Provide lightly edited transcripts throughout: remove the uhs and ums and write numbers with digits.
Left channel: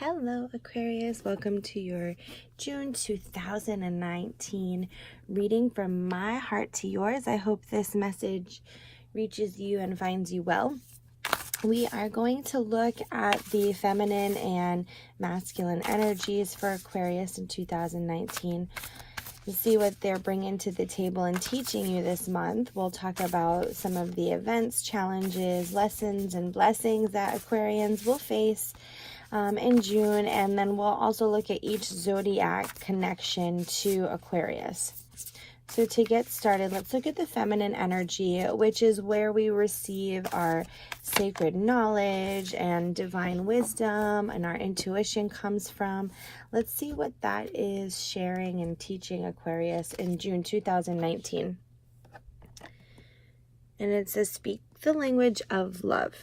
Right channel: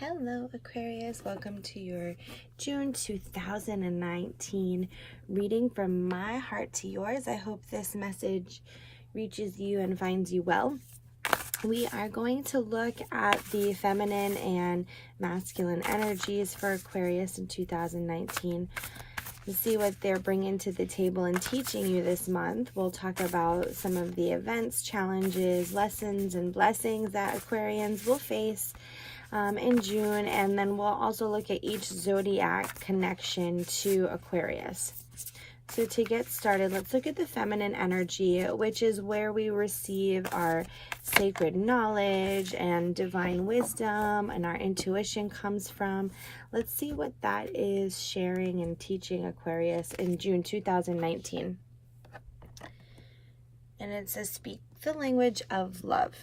Hello Aquarius, welcome to your June 2019 reading from my heart to yours. I hope this message reaches you and finds you well. We are going to look at the feminine and masculine energies for Aquarius in 2019 and see what they're bringing to the table and teaching you this month. We'll talk about some of the events, challenges, lessons, and blessings that Aquarians will face in June, and then we'll also look at each zodiac connection to Aquarius. So to get started, let's look at the feminine energy, which is where we receive our sacred knowledge and divine wisdom, and our intuition comes from. Let's see what that is sharing and teaching Aquarius in June 2019. And it says, speak the language of love.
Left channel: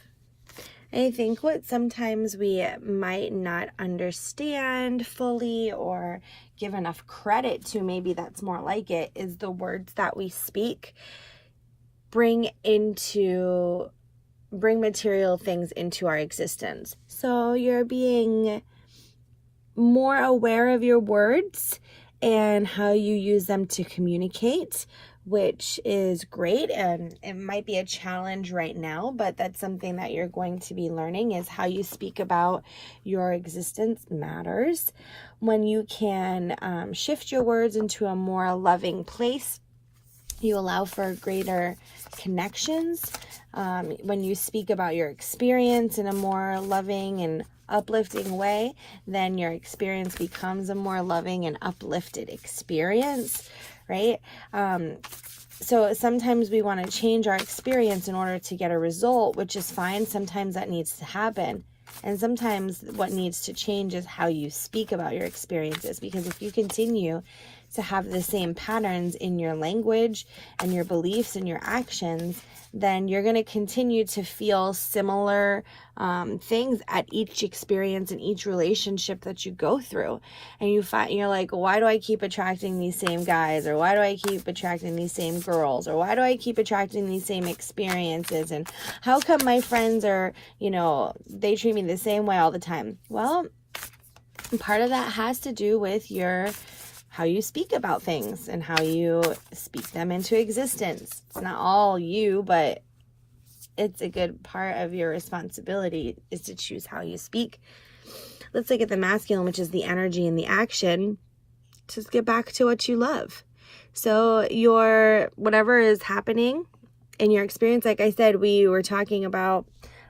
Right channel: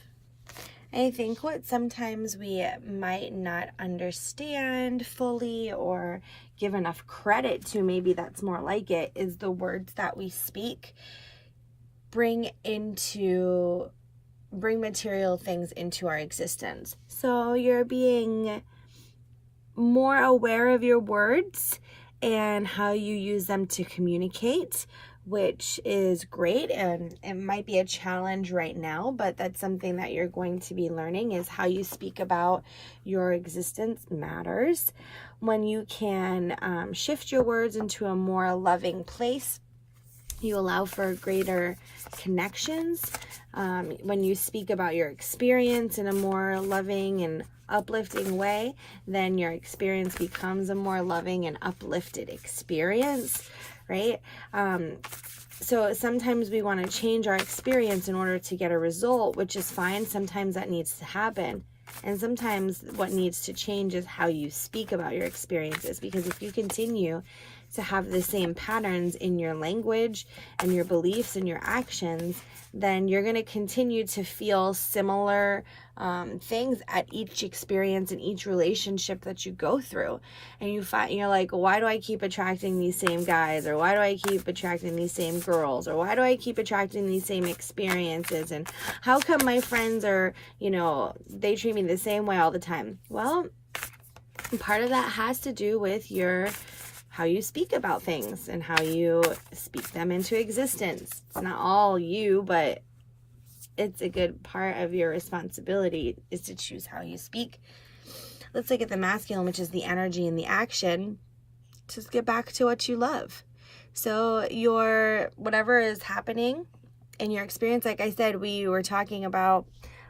I think what sometimes we might not understand fully or give enough credit to, maybe that's more like it, is the words that we speak bring material things into our existence. So you're being more aware of your words and how you use them to communicate, which is great, and it might be a challenge right now, but that's something that you're going to be learning, is how you speak about your existence matters. When you can shift your words into a more loving place, you allow for greater connections. When you speak about your experience in a more loving and uplifting way, then your experience becomes a more loving and uplifted experience, right? So sometimes we want to change our experience in order to get a result, which is fine. Sometimes that needs to happen. And sometimes what needs to change is how you speak about your experiences, because if you continue to have the same patterns in your language and your beliefs and your actions, then you're going to continue to feel similar things at each experience and each relationship that you go through. And you're like, why do I keep attracting these same guys? Or why do I keep attracting these same girls? Or why do I keep attracting these same experiences? And how come my friends are, they treat me the same way all the time? Well, part of that has to do with how you speak about things and how you speak them into existence. It's not all you, but it's a good part of your responsibility is to choose how you speak. Let's look at the masculine, which is the energy and the action. Just get back to what you love. So whatever is happening in your experience, like I said, we were talking about,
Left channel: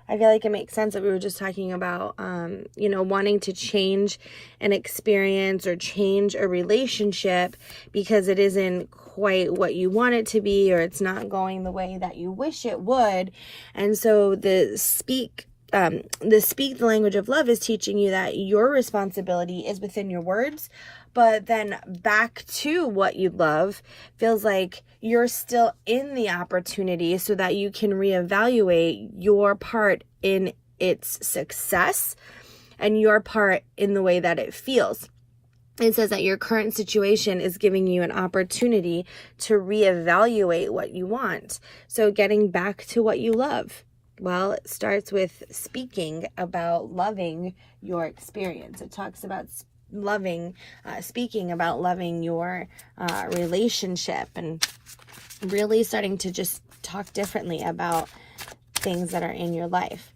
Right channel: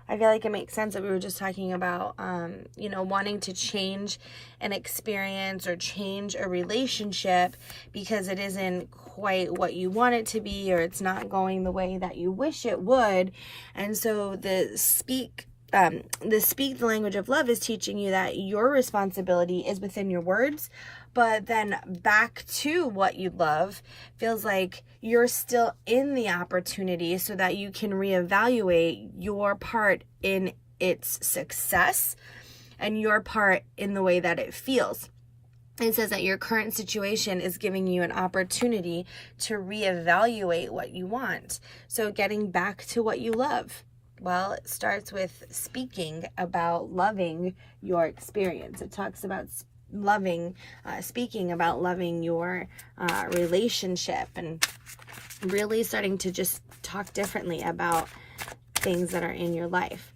I feel like it makes sense that we were just talking about, wanting to change an experience or change a relationship because it isn't quite what you want it to be, or it's not going the way that you wish it would. And so the speak the language of love is teaching you that your responsibility is within your words, but then back to what you love feels like you're still in the opportunity so that you can reevaluate your part in its success and your part in the way that it feels. It says that your current situation is giving you an opportunity to reevaluate what you want. So getting back to what you love. Well, it starts with speaking about loving your experience. It talks about speaking about loving your relationship and really starting to just talk differently about things that are in your life.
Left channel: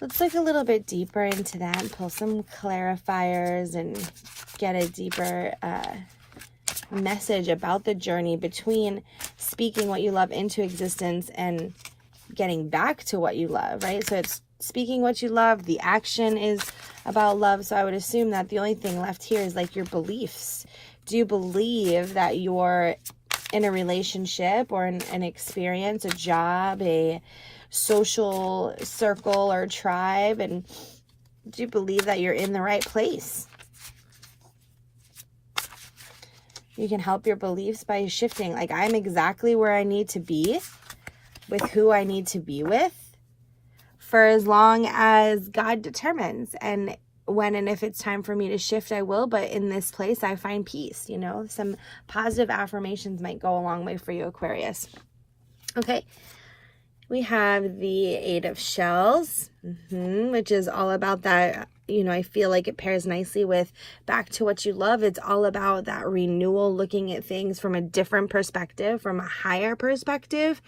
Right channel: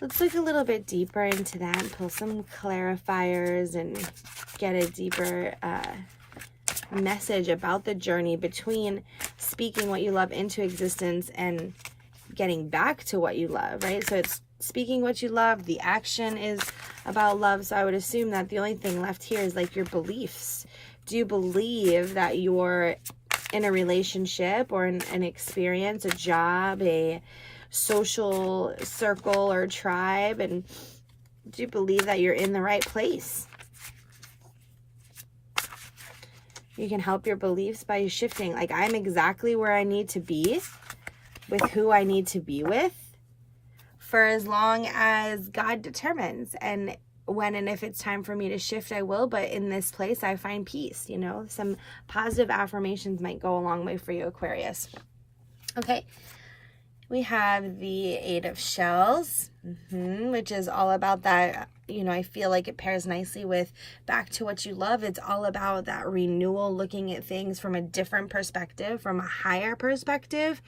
Let's look a little bit deeper into that and pull some clarifiers and get a deeper message about the journey between speaking what you love into existence and getting back to what you love, right? So it's speaking what you love. The action is about love. So I would assume that the only thing left here is like your beliefs. Do you believe that you're in a relationship or an experience, a job, a social circle or tribe, and do you believe that you're in the right place? You can help your beliefs by shifting. Like, I'm exactly where I need to be with who I need to be with for as long as God determines. And when and if it's time for me to shift, I will. But in this place, I find peace. Some positive affirmations might go a long way for you, Aquarius. Okay. We have the Eight of Shells, which is all about that, you know, I feel like it pairs nicely with Back to What You Love. It's all about that renewal, looking at things from a different perspective, from a higher perspective,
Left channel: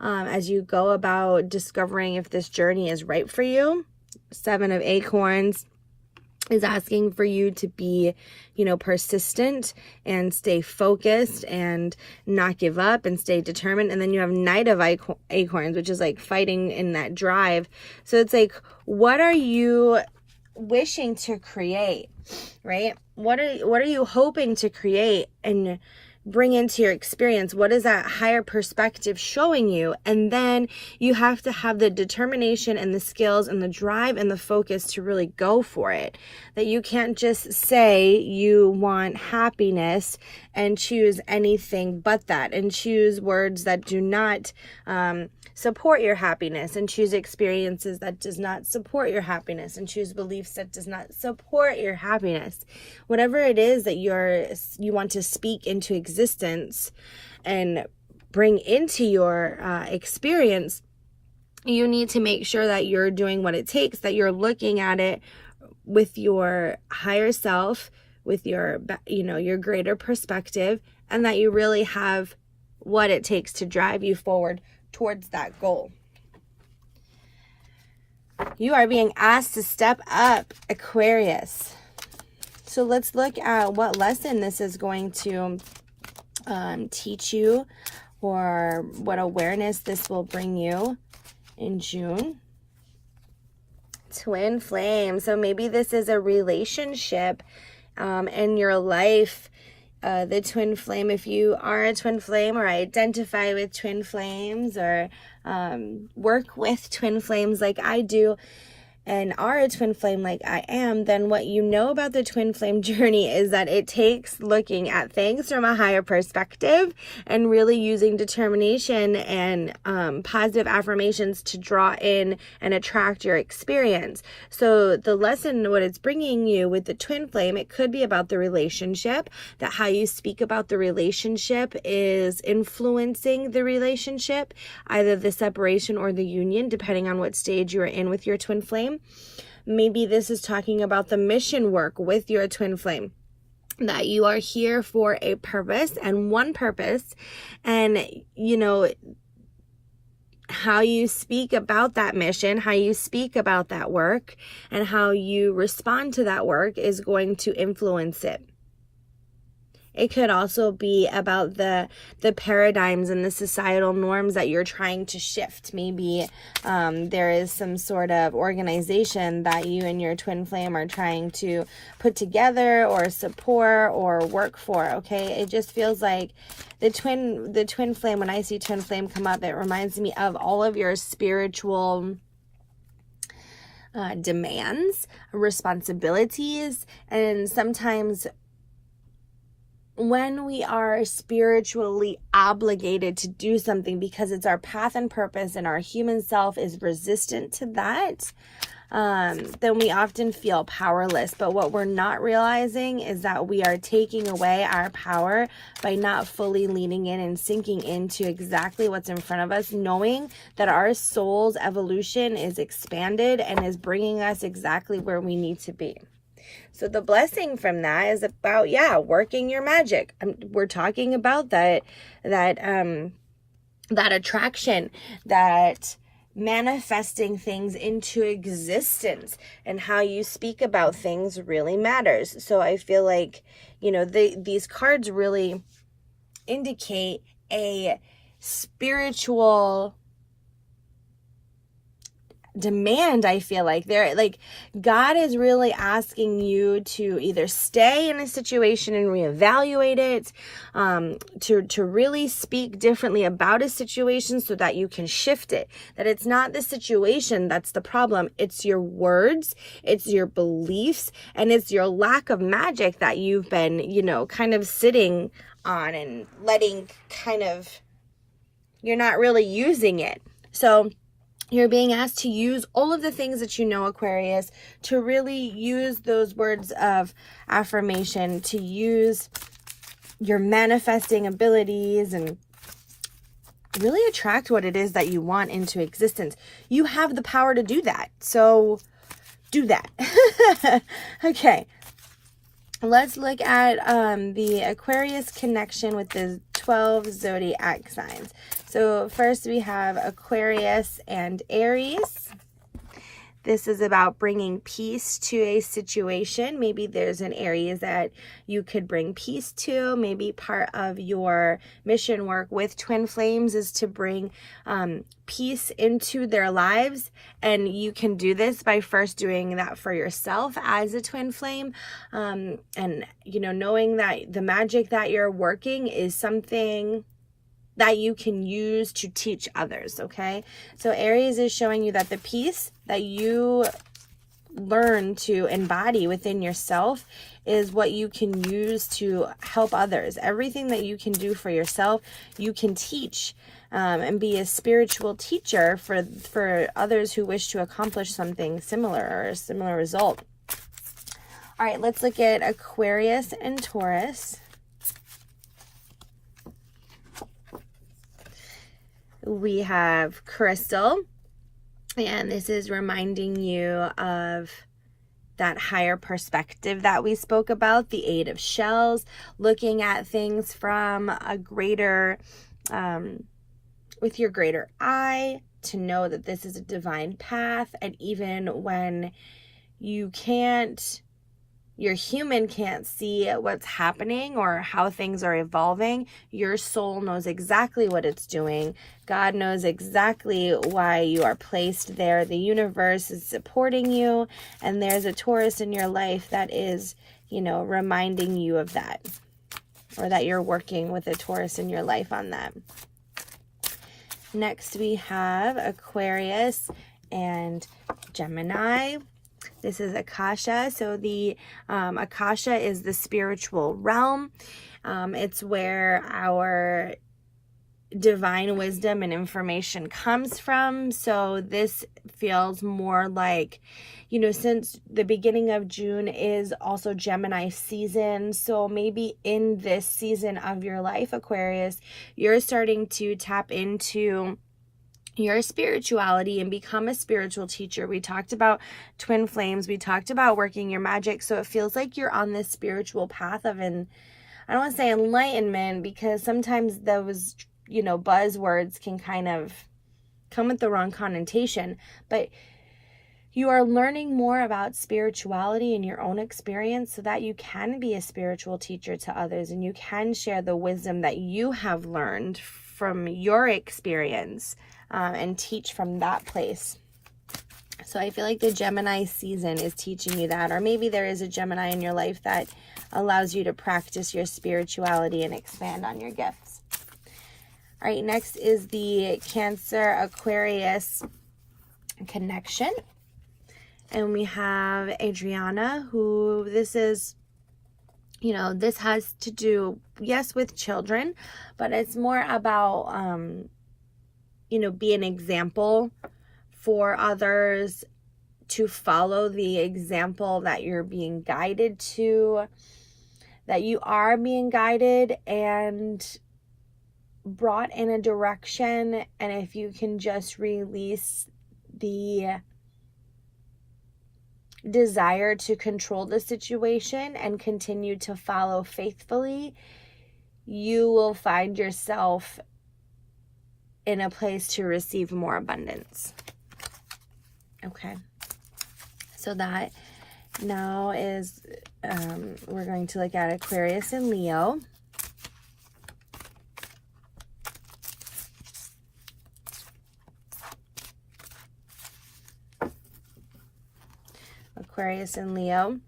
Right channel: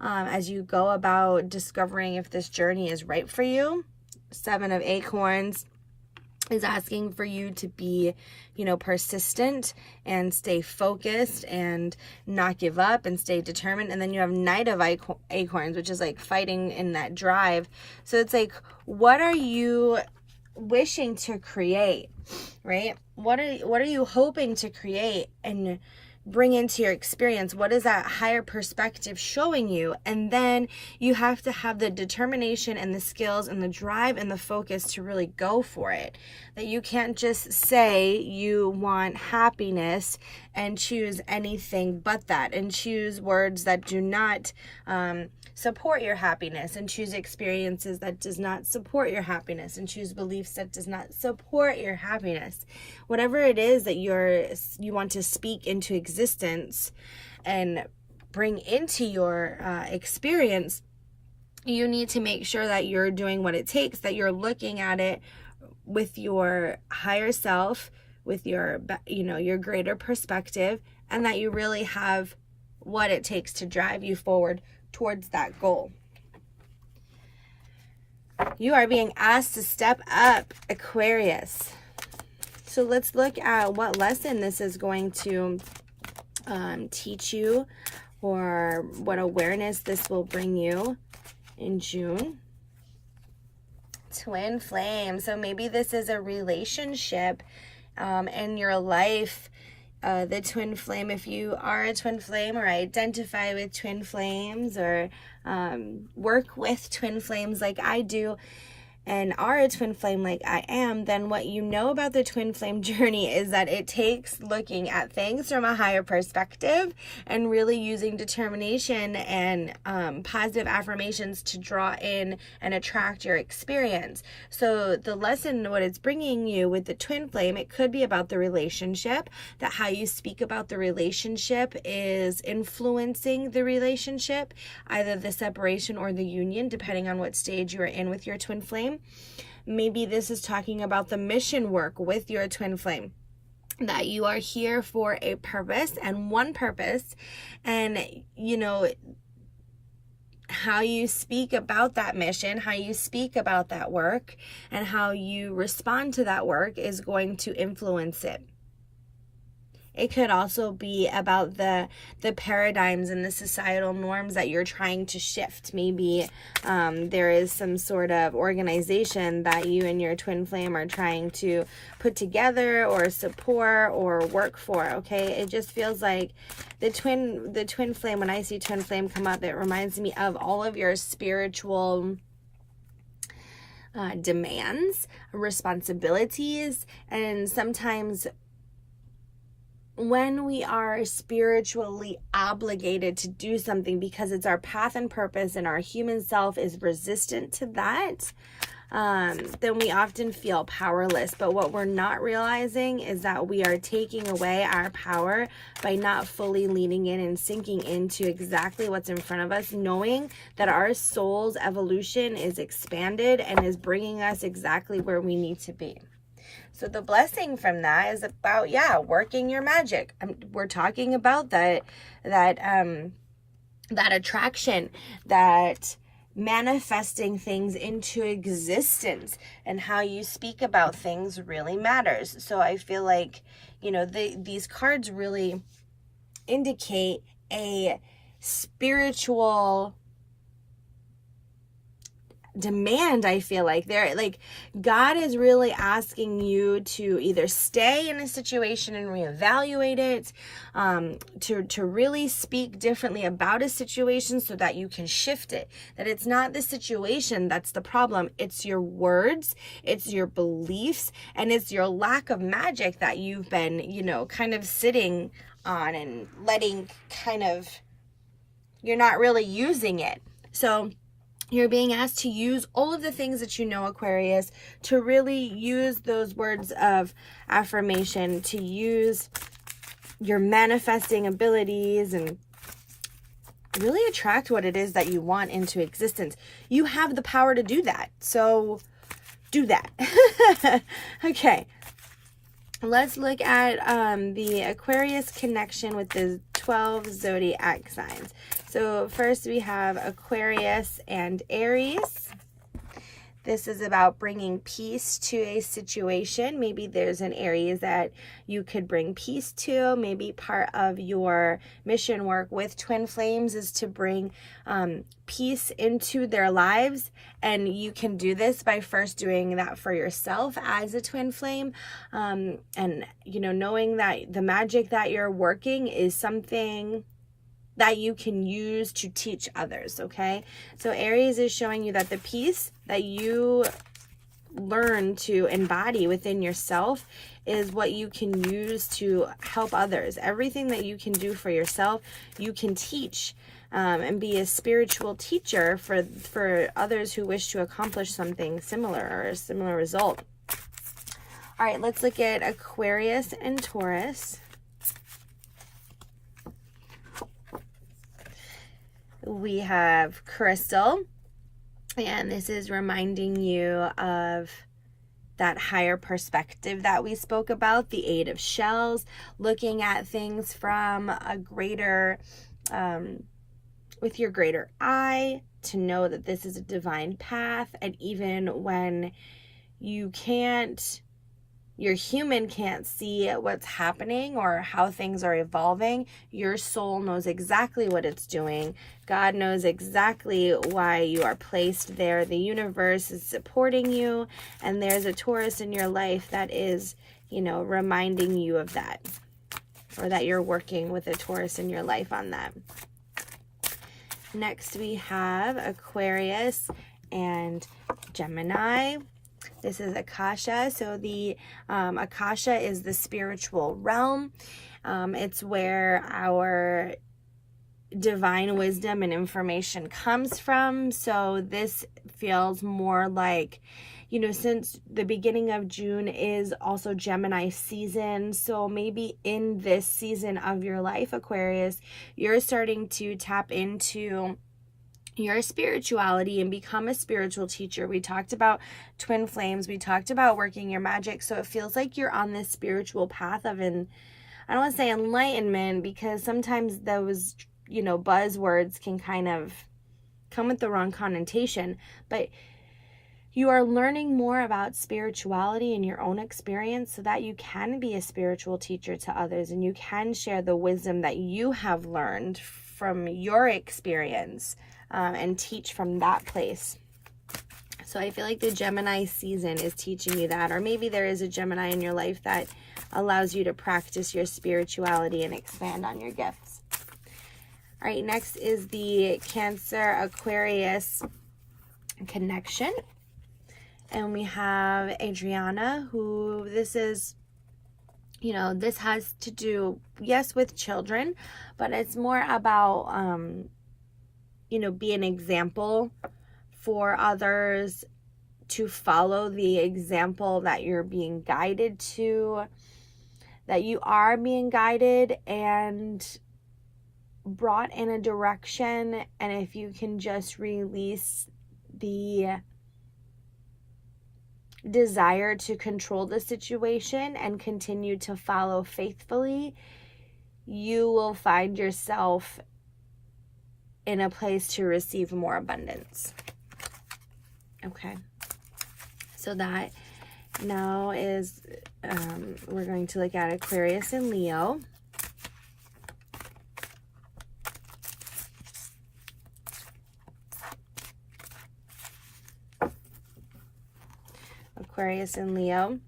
as you go about discovering if this journey is right for you. Seven of Acorns is asking for you to be, you know, persistent and stay focused and not give up and stay determined. And then you have Knight of Acorns, which is like fighting in that drive. So it's like, what are you wishing to create, right? What are you hoping to create and bring into your experience? What is that higher perspective showing you? And then you have to have the determination and the skills and the drive and the focus to really go for it. That you can't just say you want happiness and choose anything but that, and choose words that do not support your happiness, and choose experiences that does not support your happiness, and choose beliefs that does not support your happiness. Whatever it is that you want to speak into existence and bring into your experience, you need to make sure that you're doing what it takes, that you're looking at it with your higher self, with your, you know, your greater perspective, and that you really have what it takes to drive you forward towards that goal. You are being asked to step up, Aquarius. So let's look at what lesson this is going to teach you, or what awareness this will bring you in June. Twin flame. So maybe this is a relationship in your life. The twin flame, if you are a twin flame or identify with twin flames, or work with twin flames like I do, and are a twin flame like I am, then what you know about the twin flame journey is that it takes looking at things from a higher perspective and really using determination and positive affirmations to draw in and attract your experience. So the lesson, what it's bringing you with the twin flame, it could be about the relationship, that how you speak about the relationship is influencing the relationship, either the separation or the union, depending on what stage you're in with your twin flame. Maybe this is talking about the mission work with your twin flame, that you are here for a purpose and one purpose, and you know, how you speak about that mission, how you speak about that work, and how you respond to that work is going to influence it. It could also be about the paradigms and the societal norms that you're trying to shift. Maybe there is some sort of organization that you and your twin flame are trying to put together or support or work for, okay? It just feels like the twin flame, when I see twin flame come up, it reminds me of all of your spiritual demands, responsibilities, and sometimes when we are spiritually obligated to do something because it's our path and purpose and our human self is resistant to that, then we often feel powerless. But what we're not realizing is that we are taking away our power by not fully leaning in and sinking into exactly what's in front of us, knowing that our soul's evolution is expanded and is bringing us exactly where we need to be. So the blessing from that is about, working your magic. We're talking about that attraction, that manifesting things into existence, and how you speak about things really matters. So I feel like, you know, these cards really indicate a spiritual demand. I feel like they're like, God is really asking you to either stay in a situation and reevaluate it, to really speak differently about a situation so that you can shift it, that it's not the situation that's the problem, it's your words, it's your beliefs, and it's your lack of magic that you've been, you know, kind of sitting on and letting you're not really using it. So you're being asked to use all of the things that you know, Aquarius, to really use those words of affirmation, to use your manifesting abilities and really attract what it is that you want into existence. You have the power to do that. So do that. Okay. Let's look at the Aquarius connection with the 12 zodiac signs. So first we have Aquarius and Aries. This is about bringing peace to a situation. Maybe there's an Aries that you could bring peace to. Maybe part of your mission work with twin flames is to bring peace into their lives. And you can do this by first doing that for yourself as a twin flame. And, you know, knowing that the magic that you're working is something that you can use to teach others, okay? So Aries is showing you that the peace that you learn to embody within yourself is what you can use to help others. Everything that you can do for yourself, you can teach and be a spiritual teacher for others who wish to accomplish something similar or a similar result. All right, let's look at Aquarius and Taurus. We have Crystal, and this is reminding you of that higher perspective that we spoke about, the Eight of Shells, looking at things from a greater, with your greater eye, to know that this is a divine path. And even when you can't, your human can't see what's happening or how things are evolving, your soul knows exactly what it's doing. God knows exactly why you are placed there. The universe is supporting you, and there's a Taurus in your life that is, you know, reminding you of that, or that you're working with a Taurus in your life on that. Next we have Aquarius and Gemini. This is Akasha. So the Akasha is the spiritual realm. It's where our divine wisdom and information comes from. So this feels more like, you know, since the beginning of June is also Gemini season. So maybe in this season of your life, Aquarius, you're starting to tap into your spirituality and become a spiritual teacher. We talked about twin flames. We talked about working your magic. So it feels like you're on this spiritual path of I don't want to say enlightenment, because sometimes those, you know, buzzwords can kind of come with the wrong connotation, but you are learning more about spirituality in your own experience so that you can be a spiritual teacher to others, and you can share the wisdom that you have learned from your experience and teach from that place. So I feel like the Gemini season is teaching you that, or maybe there is a Gemini in your life that allows you to practice your spirituality and expand on your gifts. All right, next is the Cancer-Aquarius connection. And we have Adriana, who this is, you know, this has to do, yes, with children, but it's more about, you know, be an example for others, to follow the example that you're being guided to, that you are being guided and brought in a direction. And if you can just release the desire to control the situation and continue to follow faithfully, you will find yourself in a place to receive more abundance. Okay, so that now is, we're going to look at Aquarius and Leo. Aquarius and Leo.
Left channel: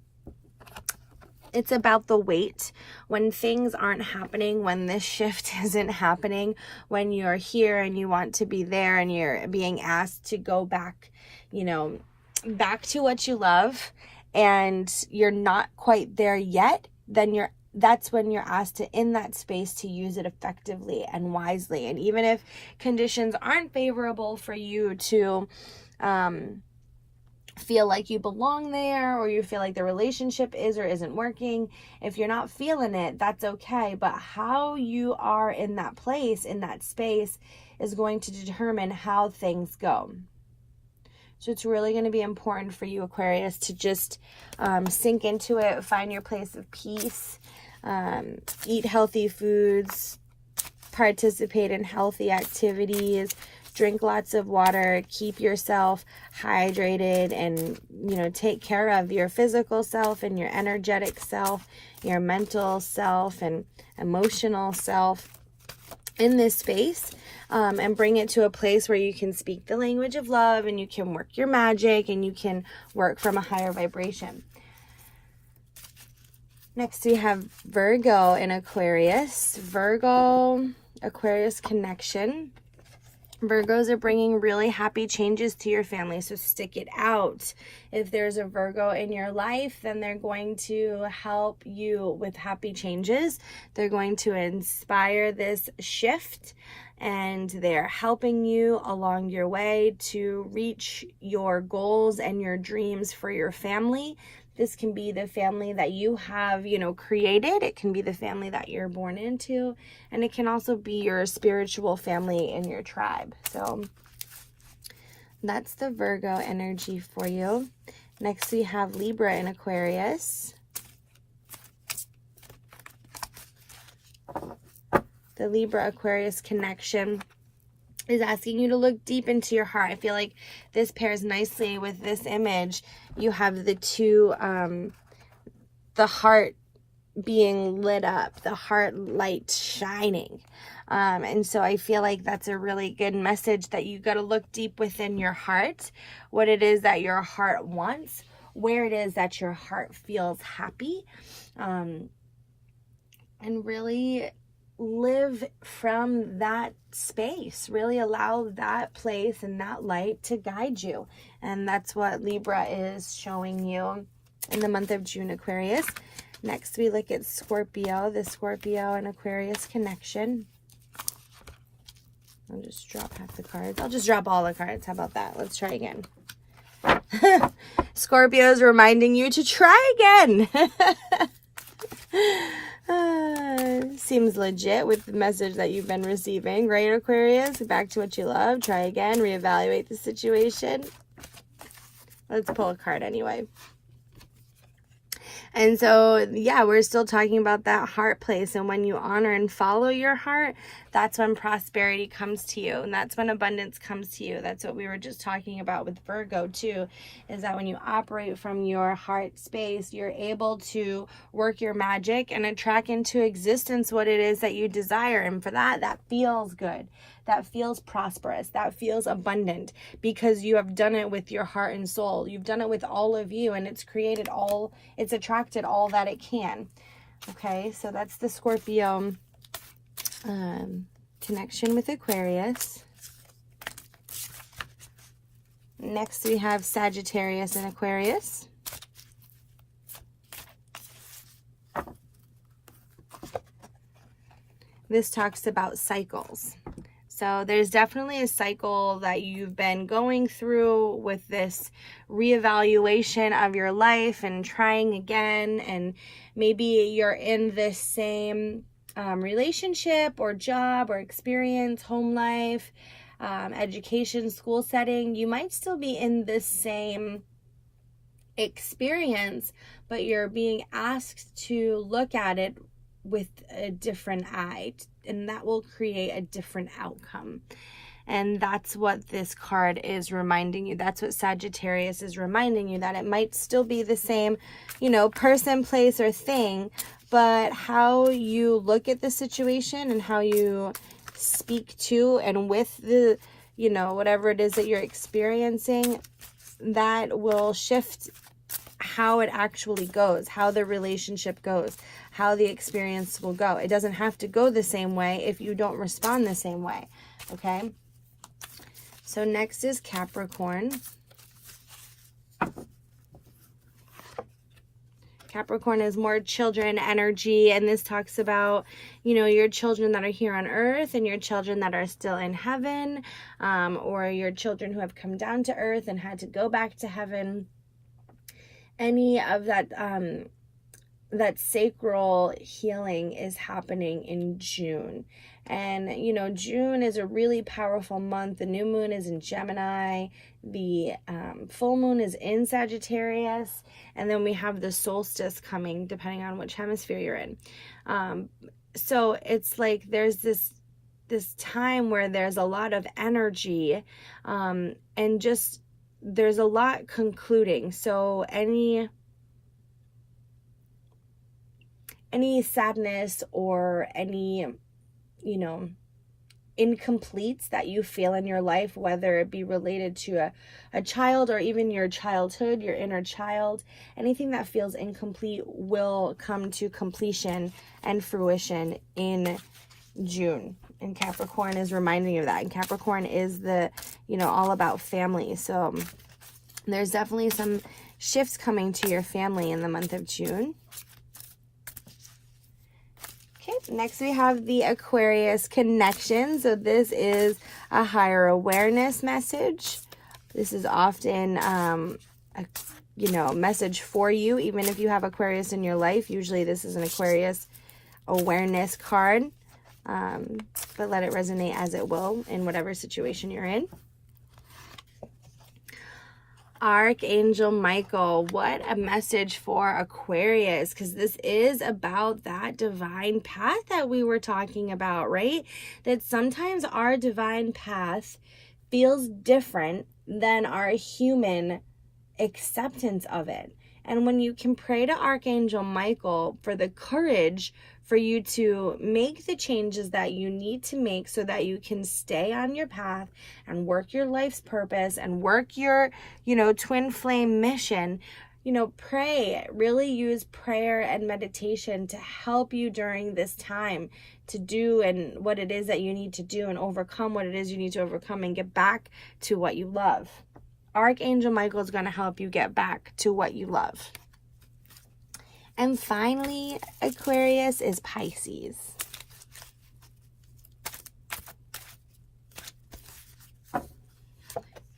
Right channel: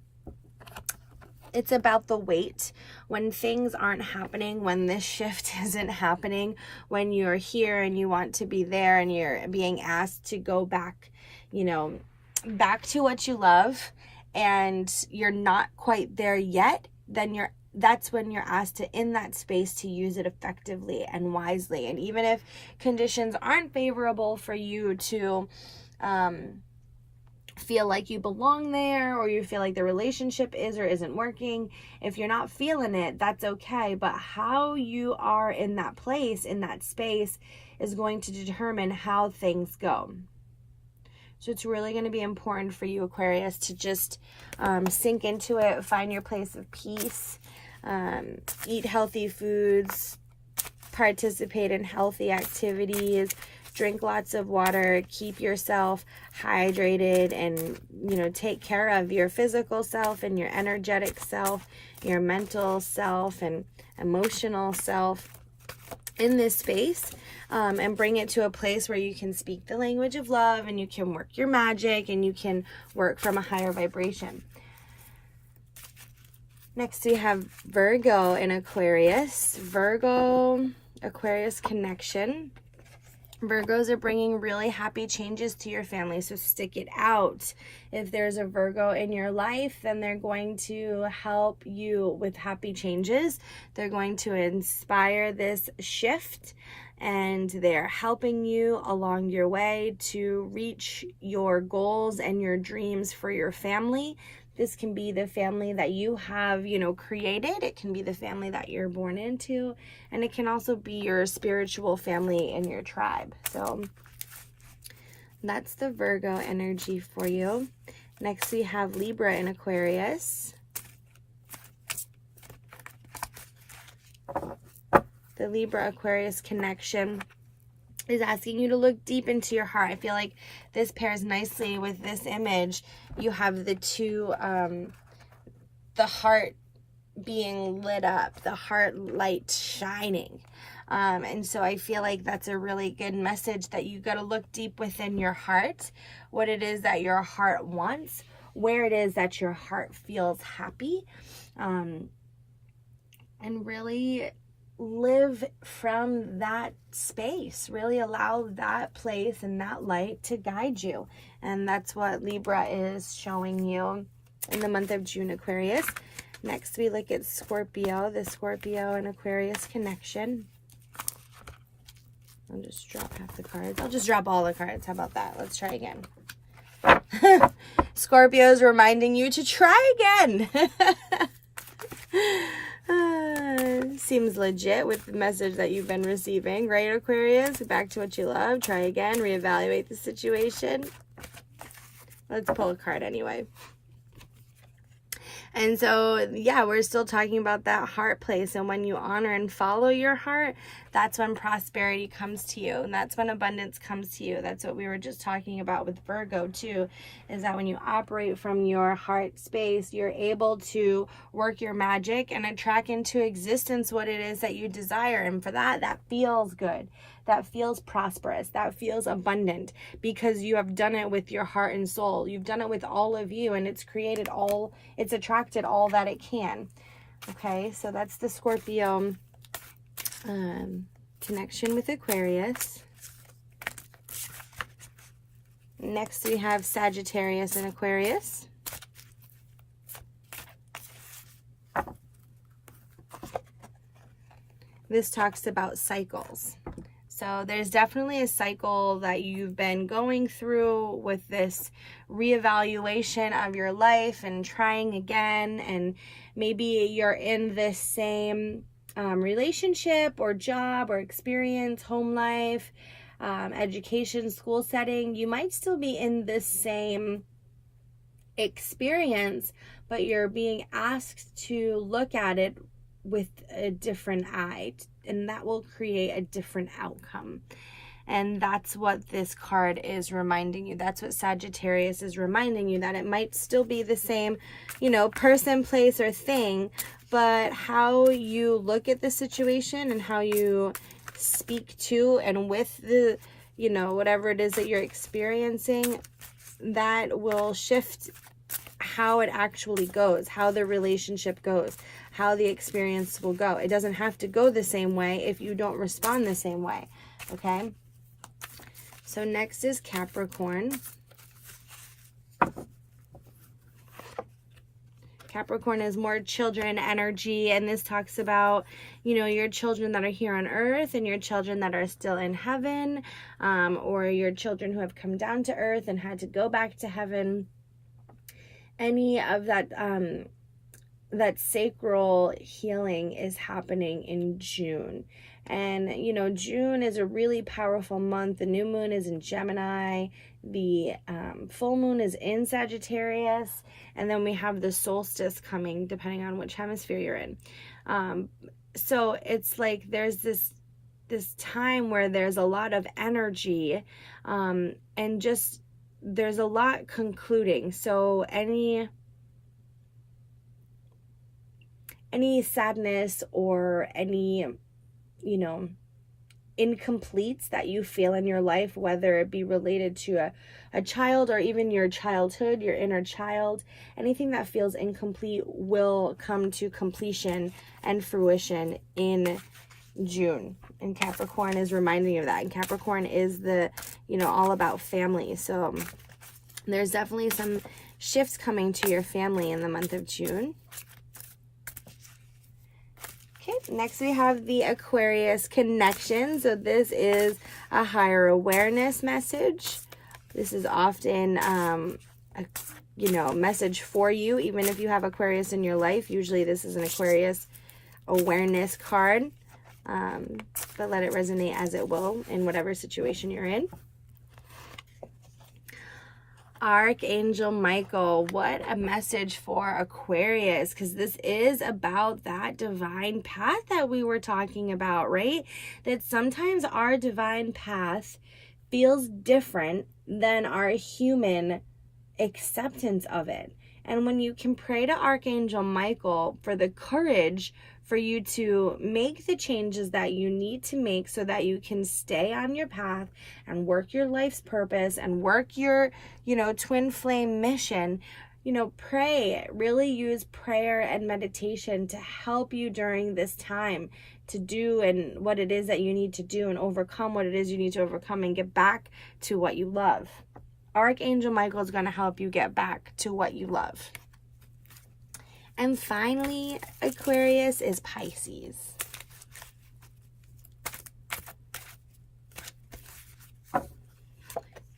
It's about the wait. When things aren't happening, when this shift isn't happening, when you're here and you want to be there and you're being asked to go back, you know, back to what you love, and you're not quite there yet, then that's when you're asked to, in that space, to use it effectively and wisely. And even if conditions aren't favorable for you to feel like you belong there, or you feel like the relationship is or isn't working, if you're not feeling it, that's okay. But how you are in that place, in that space, is going to determine how things go. So it's really going to be important for you, Aquarius, to just sink into it, find your place of peace, eat healthy foods, participate in healthy activities, drink lots of water, keep yourself hydrated, and, you know, take care of your physical self and your energetic self, your mental self and emotional self in this space, and bring it to a place where you can speak the language of love, and you can work your magic, and you can work from a higher vibration. Next, we have Virgo and Aquarius. Virgo, Aquarius connection. Virgos are bringing really happy changes to your family, so stick it out. If there's a Virgo in your life, then they're going to help you with happy changes. They're going to inspire this shift, and they're helping you along your way to reach your goals and your dreams for your family. This can be the family that you have, you know, created. It can be the family that you're born into. And it can also be your spiritual family in your tribe. So that's the Virgo energy for you. Next, we have Libra and Aquarius. The Libra-Aquarius connection is asking you to look deep into your heart. I feel like this pairs nicely with this image. You have the two, the heart being lit up, the heart light shining. And so I feel like that's a really good message, that you got to look deep within your heart, what it is that your heart wants, where it is that your heart feels happy, and really live from that space. Really allow that place and that light to guide you. And that's what Libra is showing you in the month of June, Aquarius. Next, we look at Scorpio, the Scorpio and Aquarius connection. I'll just drop half the cards. I'll just drop all the cards. How about that? Let's try again. Scorpio is reminding you to try again. Seems legit with the message that you've been receiving, right, Aquarius? Back to what you love. Try again. Reevaluate the situation. Let's pull a card anyway. And so, yeah, we're still talking about that heart place. And when you honor and follow your heart, that's when prosperity comes to you. And that's when abundance comes to you. That's what we were just talking about with Virgo, too, is that when you operate from your heart space, you're able to work your magic and attract into existence what it is that you desire. And for that, that feels good. That feels prosperous, that feels abundant, because you have done it with your heart and soul. You've done it with all of you, and it's created all, it's attracted all that it can. Okay, so that's the Scorpio connection with Aquarius. Next, we have Sagittarius and Aquarius. This talks about cycles. So there's definitely a cycle that you've been going through with this reevaluation of your life and trying again. And maybe you're in this same relationship or job or experience, home life, education, school setting. You might still be in the same experience, but you're being asked to look at it with a different eye, and that will create a different outcome. And that's what this card is reminding you. That's what Sagittarius is reminding you, that it might still be the same, you know, person, place, or thing, but how you look at the situation and how you speak to and with the, you know, whatever it is that you're experiencing, that will shift how it actually goes, how the relationship goes, how the experience will go. It doesn't have to go the same way if you don't respond the same way, okay? So next is Capricorn. Capricorn is more children energy, and this talks about, you know, your children that are here on earth and your children that are still in heaven, or your children who have come down to earth and had to go back to heaven. Any of that that sacral healing is happening in June. And, you know, June is a really powerful month. The new moon is in Gemini. The full moon is in Sagittarius. And then we have the solstice coming, depending on which hemisphere you're in. So it's like there's this time where there's a lot of energy, and just there's a lot concluding. So any sadness or any, you know, incompletes that you feel in your life, whether it be related to a child or even your childhood, your inner child, anything that feels incomplete will come to completion and fruition in June. And Capricorn is reminding you of that. And Capricorn is the, you know, all about family. So there's definitely some shifts coming to your family in the month of June. Okay, next we have the Aquarius connection. So this is a higher awareness message. This is often a, you know, message for you, even if you have Aquarius in your life. Usually this is an Aquarius awareness card. But let it resonate as it will in whatever situation you're in. Archangel Michael, what a message for Aquarius, because this is about that divine path that we were talking about, right? That sometimes our divine path feels different than our human acceptance of it. And when you can pray to Archangel Michael for the courage for you to make the changes that you need to make so that you can stay on your path and work your life's purpose and work your, you know, twin flame mission, you know, pray, really use prayer and meditation to help you during this time to do and what it is that you need to do and overcome what it is you need to overcome and get back to what you love. Archangel Michael is going to help you get back to what you love. And finally, Aquarius is Pisces.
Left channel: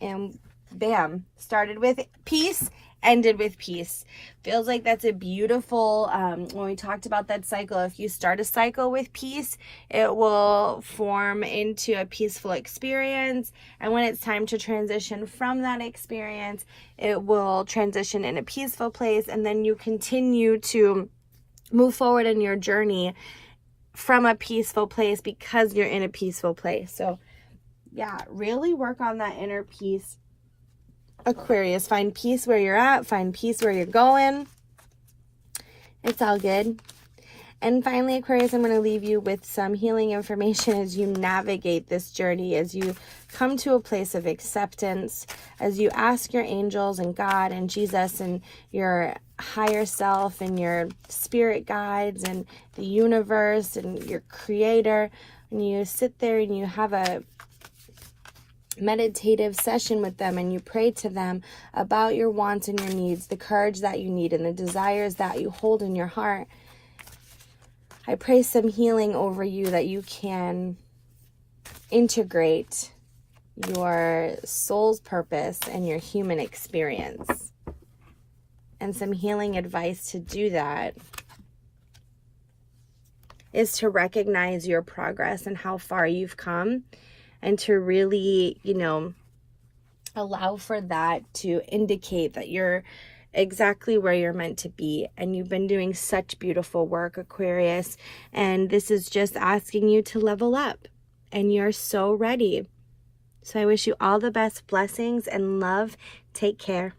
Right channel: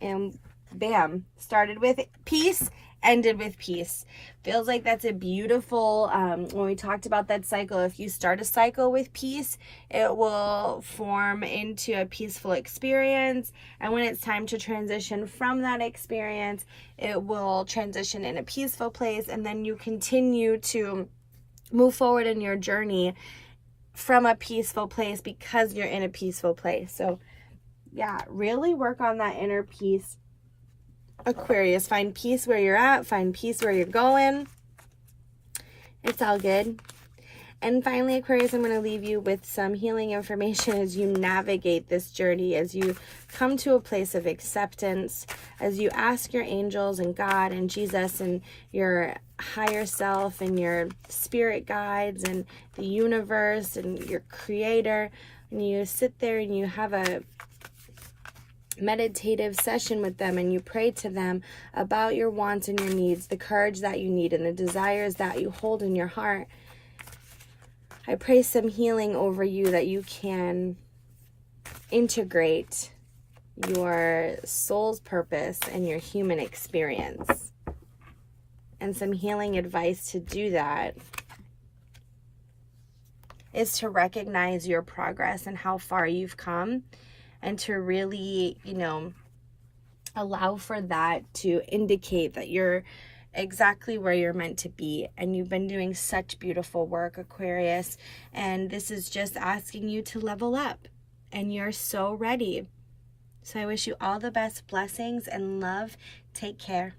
And bam, started with peace, ended with peace. Feels like that's a beautiful, when we talked about that cycle, if you start a cycle with peace, it will form into a peaceful experience. And when it's time to transition from that experience, it will transition in a peaceful place. And then you continue to move forward in your journey from a peaceful place because you're in a peaceful place. So yeah, really work on that inner peace, Aquarius. Find peace where you're at. Find peace where you're going. It's all good. And finally, Aquarius, I'm going to leave you with some healing information as you navigate this journey, as you come to a place of acceptance, as you ask your angels and God and Jesus and your higher self and your spirit guides and the universe and your creator, and you sit there and you have a meditative session with them and you pray to them about your wants and your needs, the courage that you need and the desires that you hold in your heart. I pray some healing over you that you can integrate your soul's purpose and your human experience. And some healing advice to do that is to recognize your progress and how far you've come, and to really, you know, allow for that to indicate that you're exactly where you're meant to be. And you've been doing such beautiful work, Aquarius. And this is just asking you to level up. And you're so ready. So I wish you all the best blessings and love. Take care.